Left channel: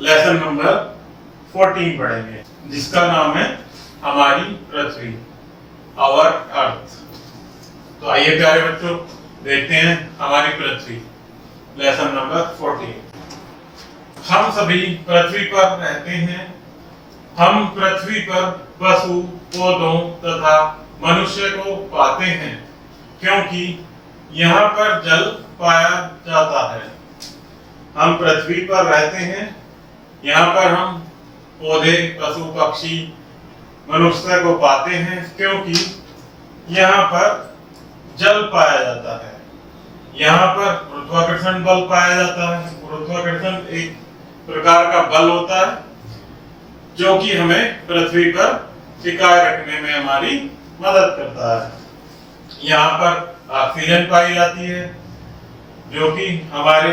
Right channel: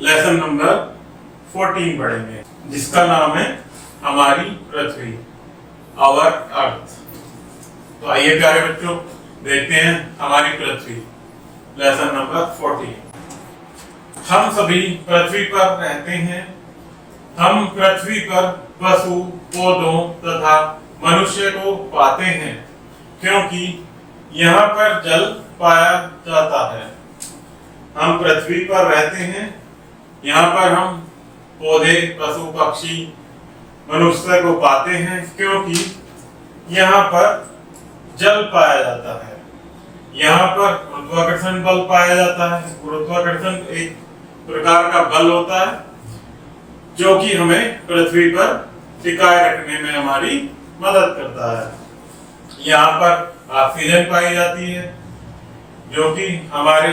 Lesson number 14 पढ़ेंगे, जिसका नाम है हमारी पृथ्वी, आवर अर्थ। तो आइए प्यारे बच्चों देखते हैं हमारी पृथ्वी, लेसन नंबर 14। हम सभी पृथ्वी पर रहते हैं। हम पृथ्वी पर पशु, पौधों तथा मनुष्य को पाते हैं, क्योंकि यहाँ पर जल पाया जाता है। हम पृथ्वी पर रहते हैं, यहाँ पर हम पौधे, पशु, पक्षी, मनुष्य को पाते हैं, क्योंकि यहाँ पर जल पाया जाता है। यहाँ पर गुरुत्वाकर्षण बल पाया जाता है। गुरुत्वाकर्षण एक प्रकार का बल होता है जो कि हमें पृथ्वी पर टिकाए रखने में हमारी मदद करता है। यहाँ पर ऑक्सीजन पाई जाती है, जो कि हमारे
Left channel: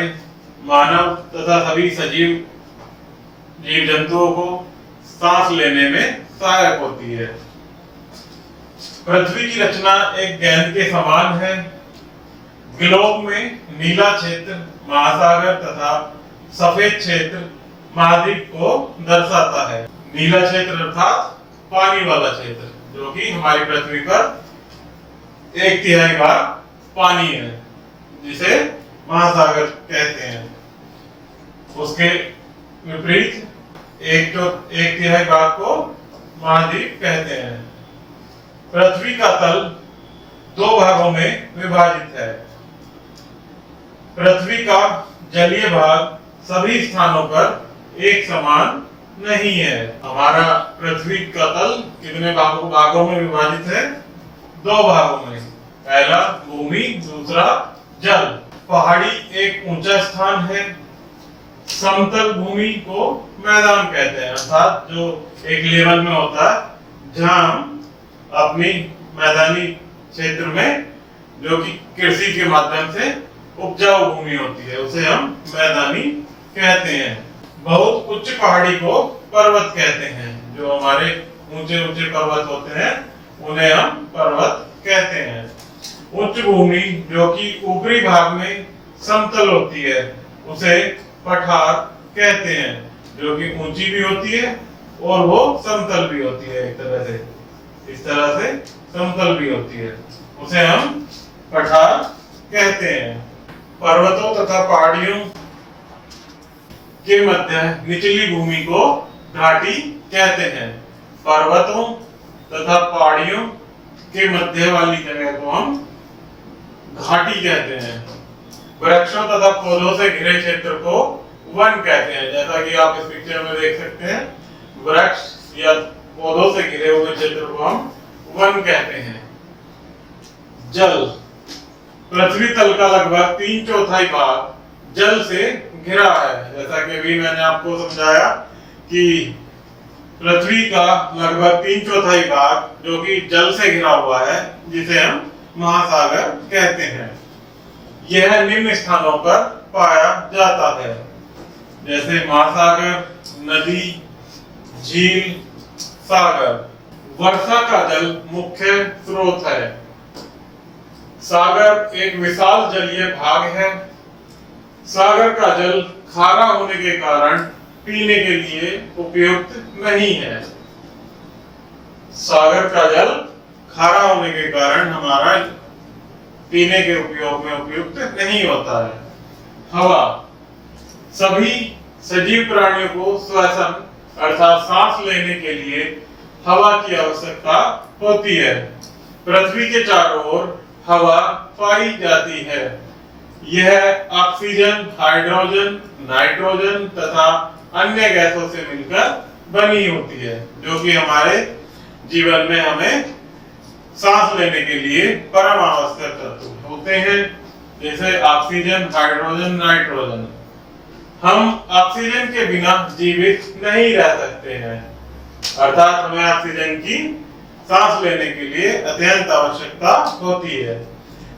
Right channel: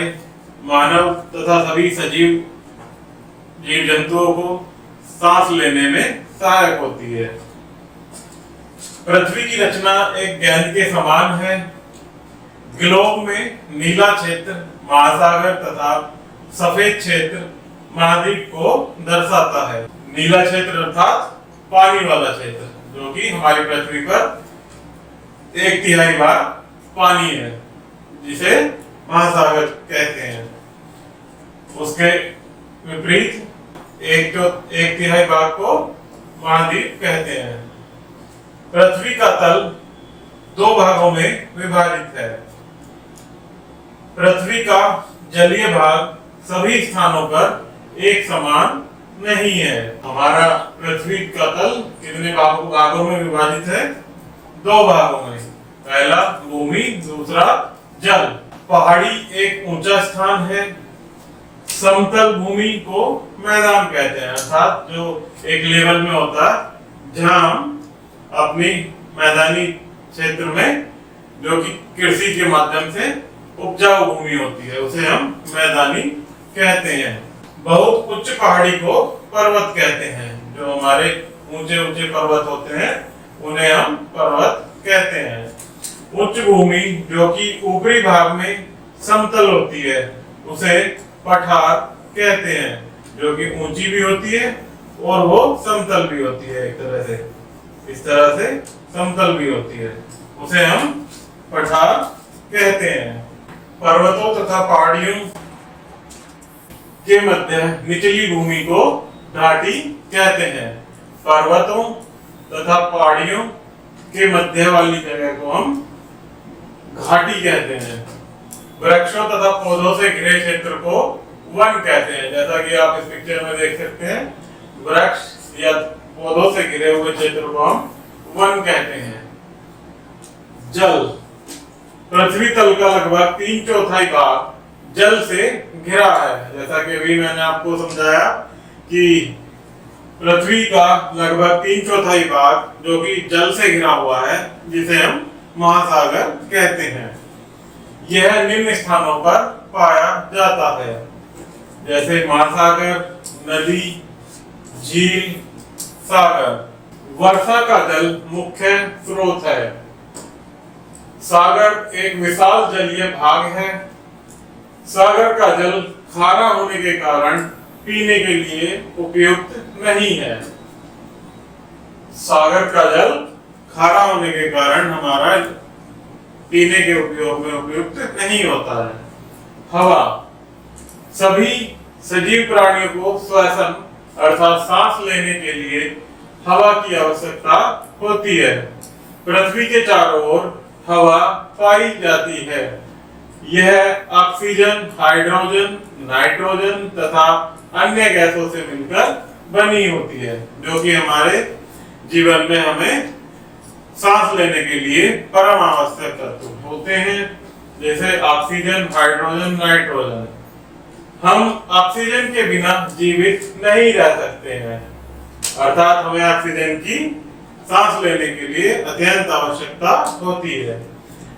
मानव तथा सभी सजीव जीव जंतुओं को सांस लेने में सहायक होती है। पृथ्वी की रचना एक गेंद के समान है। ग्लोब में नीला क्षेत्र महासागर तथा सफेद क्षेत्र महाद्वीप को दर्शाता है। नीला क्षेत्र अर्थात पानी वाला क्षेत्र, जो कि हमारी पृथ्वी पर 1/3 भाग पानी है, जिसे महासागर कहते हैं। उसके विपरीत 1/3 भाग को महाद्वीप कहते हैं। पृथ्वी का तल 2 भागों में विभाजित है। पृथ्वी का जलीय भाग सभी स्थानों पर एक समान नहीं है। हमारा पृथ्वी का तल कितने भागों में विभाजित है? 2 भागों में। पहला भूमि, दूसरा जल। पहाड़ी एक ऊंचा स्थान है। समतल भूमि को मैदान कहते हैं, अर्थात जो एक लेवल में होता है, जहां हम अपनी मैदानी क्षेत्र में, जो कि कृषि के माध्यम से उपजाऊ भूमि होती है, उसे हम मैदानी कहते हैं। बहुत उच्च पहाड़ी को पर्वत कहते हैं। जो हमारे ऊंचे ऊंचे पर्वत होते हैं उन्हें हम पर्वत कहते हैं। उच्च भूमि जो कि ऊपरी भाग में समतल होती है, उसे पठार कहते हैं, जो कि ऊंची भी होती है और वो समतल भी होती है। एक तरह से, इस तरह से समतल भी होती है, उसे हम पठार कहते हैं। पर्वतों तथा पहाड़ियों के मध्य निचली भूमि को घाटी कहते हैं। पर्वतों तथा पहाड़ियों के मध्य वाली जगह को हम घाटी कहते हैं। वृक्षों तथा पौधों से घिरे क्षेत्र को वन कहते हैं। जैसा कि आप इस पिक्चर में देख सकते हैं, वृक्ष या पौधों से घिरे हुए क्षेत्र को हम वन कहते हैं। जल। पृथ्वी तल का लगभग 3/4 भाग जल से घिरा है। जैसा कि अभी मैंने आपको समझाया कि पृथ्वी का लगभग 3/4 भाग जो कि जल से घिरा हुआ है, जिसे हम महासागर कहते हैं। यह निम्न स्थानों पर पाया जाता है, जैसे महासागर, नदी, झील, सागर। वर्षा का जल मुख्य स्रोत है। सागर एक विशाल जलीय भाग है। सागर का जल खारा होने के कारण पीने के लिए उपयुक्त नहीं है। सागर का जल खारा होने के कारण हमारा पीने के उपयोग में उपयुक्त नहीं होता है। हवा। सभी सजीव प्राणियों को श्वसन अर्थात सांस लेने के लिए हवा की आवश्यकता होती है। पृथ्वी के चारों ओर हवा पाई जाती है। यह ऑक्सीजन, हाइड्रोजन, नाइट्रोजन तथा अन्य गैसों से मिलकर बनी होती है, जो कि हमारे जीवन में हमें सांस लेने के लिए परम आवश्यक तत्व होते हैं, जैसे ऑक्सीजन, हाइड्रोजन, नाइट्रोजन। हम ऑक्सीजन के बिना जीवित नहीं रह सकते हैं, अर्थात हमें ऑक्सीजन की सांस लेने के लिए अत्यंत आवश्यकता होती है।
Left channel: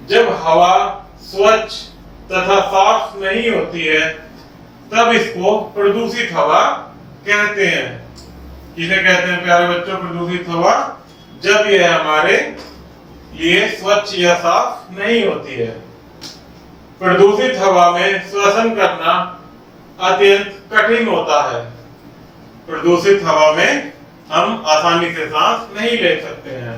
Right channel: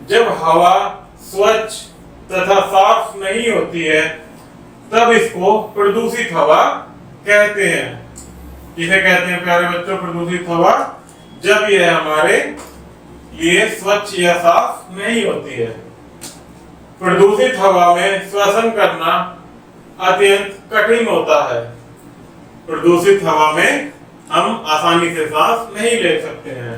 जब हवा स्वच्छ तथा साफ नहीं होती है, तब इसको प्रदूषित हवा कहते हैं। किसे कहते हैं प्यारे बच्चों प्रदूषित हवा? जब यह हमारे लिए स्वच्छ या साफ नहीं होती है। प्रदूषित हवा में श्वसन करना अत्यंत कठिन होता है। प्रदूषित हवा में हम आसानी से सांस नहीं ले सकते हैं।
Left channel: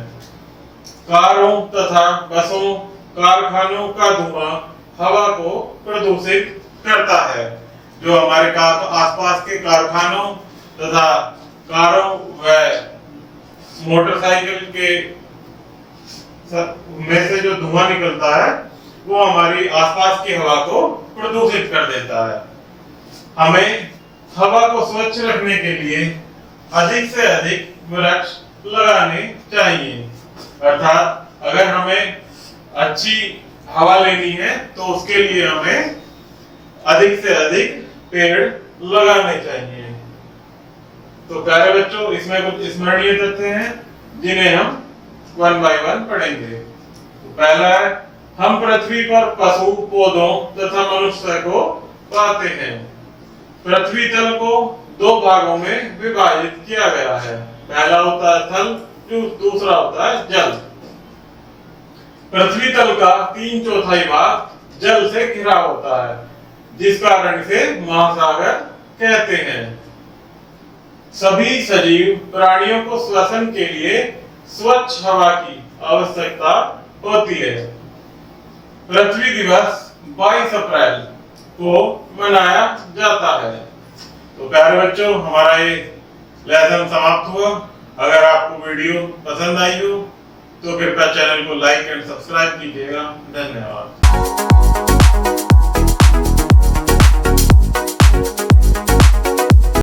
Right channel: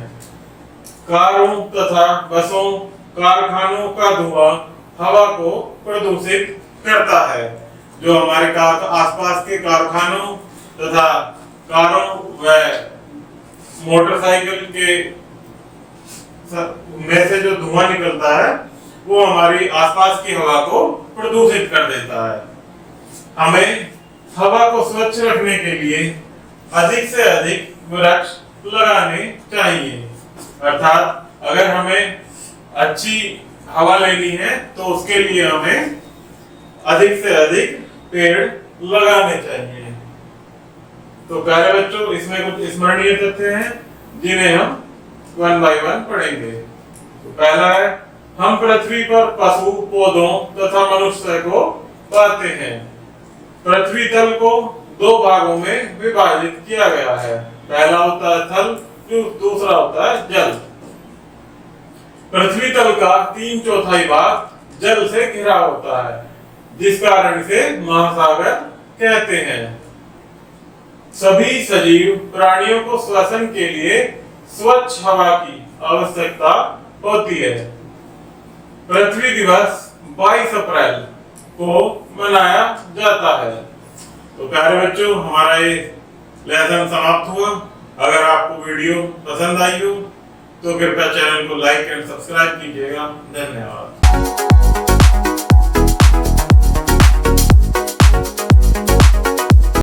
कारों तथा बसों, कारखानों का धुआं हवा को प्रदूषित करता है। जो हमारे आसपास के कारखानों तथा कारों व मोटरसाइकिल के में से जो धुआं निकलता है वो हमारी आसपास की हवा को प्रदूषित कर देता है। हमें हवा को स्वच्छ रखने के लिए अधिक से अधिक वृक्ष लगाने चाहिए। अर्थात अगर हमें अच्छी हवा लेनी है तो उसके लिए हमें अधिक से अधिक पेड़ लगाने चाहिए। तो प्यारे बच्चों, इसमें कुछ स्मरणीय तथ्य हैं जिन्हें हम वन बाय वन पढ़ेंगे। तो पहला है, हम पृथ्वी पर पशु, पौधों तथा मनुष्य को पाते हैं। पृथ्वी तल को दो भागों में विभाजित किया गया है। पहला होता है थल, दूसरा होता है जल। पृथ्वी तल का 3/4 भाग जल से घिरा होता है, जिस कारण इसे महासागर कहते हैं। सभी सजीव प्राणियों को श्वसन के लिए स्वच्छ हवा की आवश्यकता होती है। पृथ्वी दिवस 22 अप्रैल को मनाया जाता है। तो प्यारे बच्चों, हमारा ये लेसन समाप्त हुआ। अगर आपको वीडियो पसंद आई हो तो कृपया चैनल को लाइक एंड सब्सक्राइब कीजिएगा। धन्यवाद।